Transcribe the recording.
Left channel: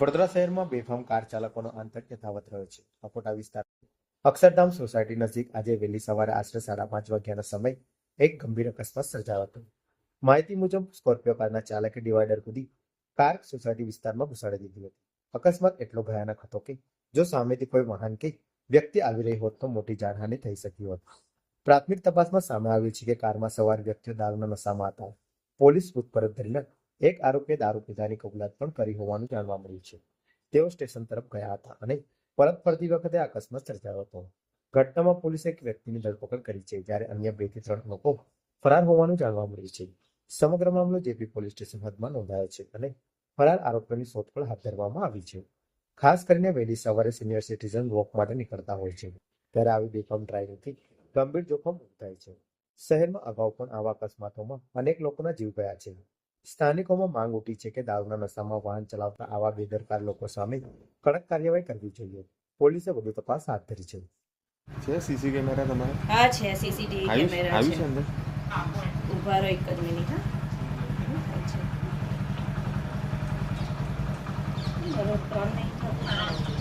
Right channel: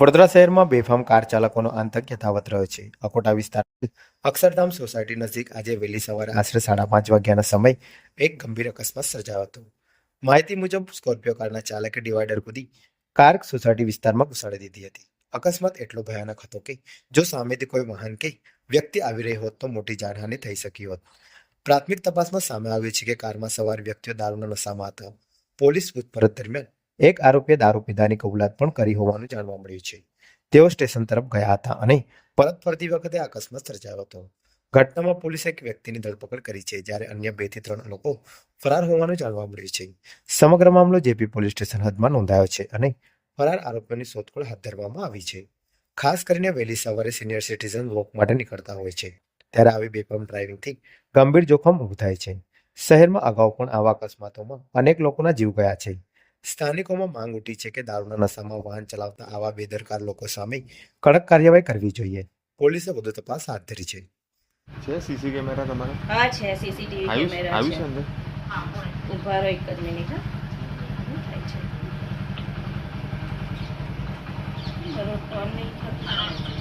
વડોદરા શહેરમાં બેફામ કાર ચાલકોનો આતંક યથાવત રહ્યો છે. અકોટા વિસ્તાર અક્ષરધામ સોસાયટી નજીક આજે વહેલી સવારે આશરે 5:30 વાગ્યાના સમયે એક ગંભીર અકસ્માત સર્જાયો હતો. માહિતી મુજબ સ્કોર્પિયો કારના ચાલકે ડિવાઈડર કૂદી કાર સોસાયટી વિસ્તારમાં ઘુસાડી દીધી હતી. અકસ્માત એટલો ભયાનક હતો કે જો સામેથી કોઈ વાહન કે વ્યક્તિ આવી રહી હોત તો મોટી જાનહાનિ થઈ શકી હોત. પ્રાથમિક તપાસમાં સામે આવ્યું છે કે કારમાં સવાર વ્યક્તિઓ દારૂના નશામાં હતા. પોલીસ પૂછપરછ દરમિયાન એક આરોપીએ દારૂ પીધાની કબૂલાત પણ કરી હોવાનું જાણવા મળ્યું છે. તેઓ સ્ટેશન તરફ ગયા હતા અને પરત ફરતી વખતે અકસ્માત સર્જાયો હતો. ઘટનામાં પોલીસે એક વ્યક્તિની ધરપકડ કરી છે, જ્યારે અન્ય 2 થી 3 લોકો ફરાર હોવાનું જાણવા મળ્યું છે. સમગ્ર મામલો જેપી પોલીસ સ્ટેશન હદમાં નોંધાયો છે અને ફરાર આરોપીઓની શોધખોળ હાથ ધરવામાં આવી છે. ખાસ કરીને વહેલી સવારે સિનિયર સિટીઝન વોક માટે નીકળતા હોય છે, ત્યારે આવી બેફામ ડ્રાઇવિંગથી ગંભીર જોખમ ઊભું થાય છે. શહેરમાં અગાઉ પણ આવા અકસ્માતોમાં અનેક લોકોના જીવ ગયા છે. સ્થાનિકોમાં માંગ ઉઠી છે કે દારૂના નશામાં વાહન ચલાવતા આવા બેદરકાર લોકો સામે કડક કાર્યવાહી કરવી જોઈએ. પોલીસે વધુ તપાસ હાથ ધરી છે. સીસી કેમેરા તમારા? હા છે, સીસીટીવી કેમેરા આવ્યું છે. છે અંદર? ઉભા રહો એક જ મિનિટ. હા થાય છે. બરોબર, ટર્ન નહીં થતું.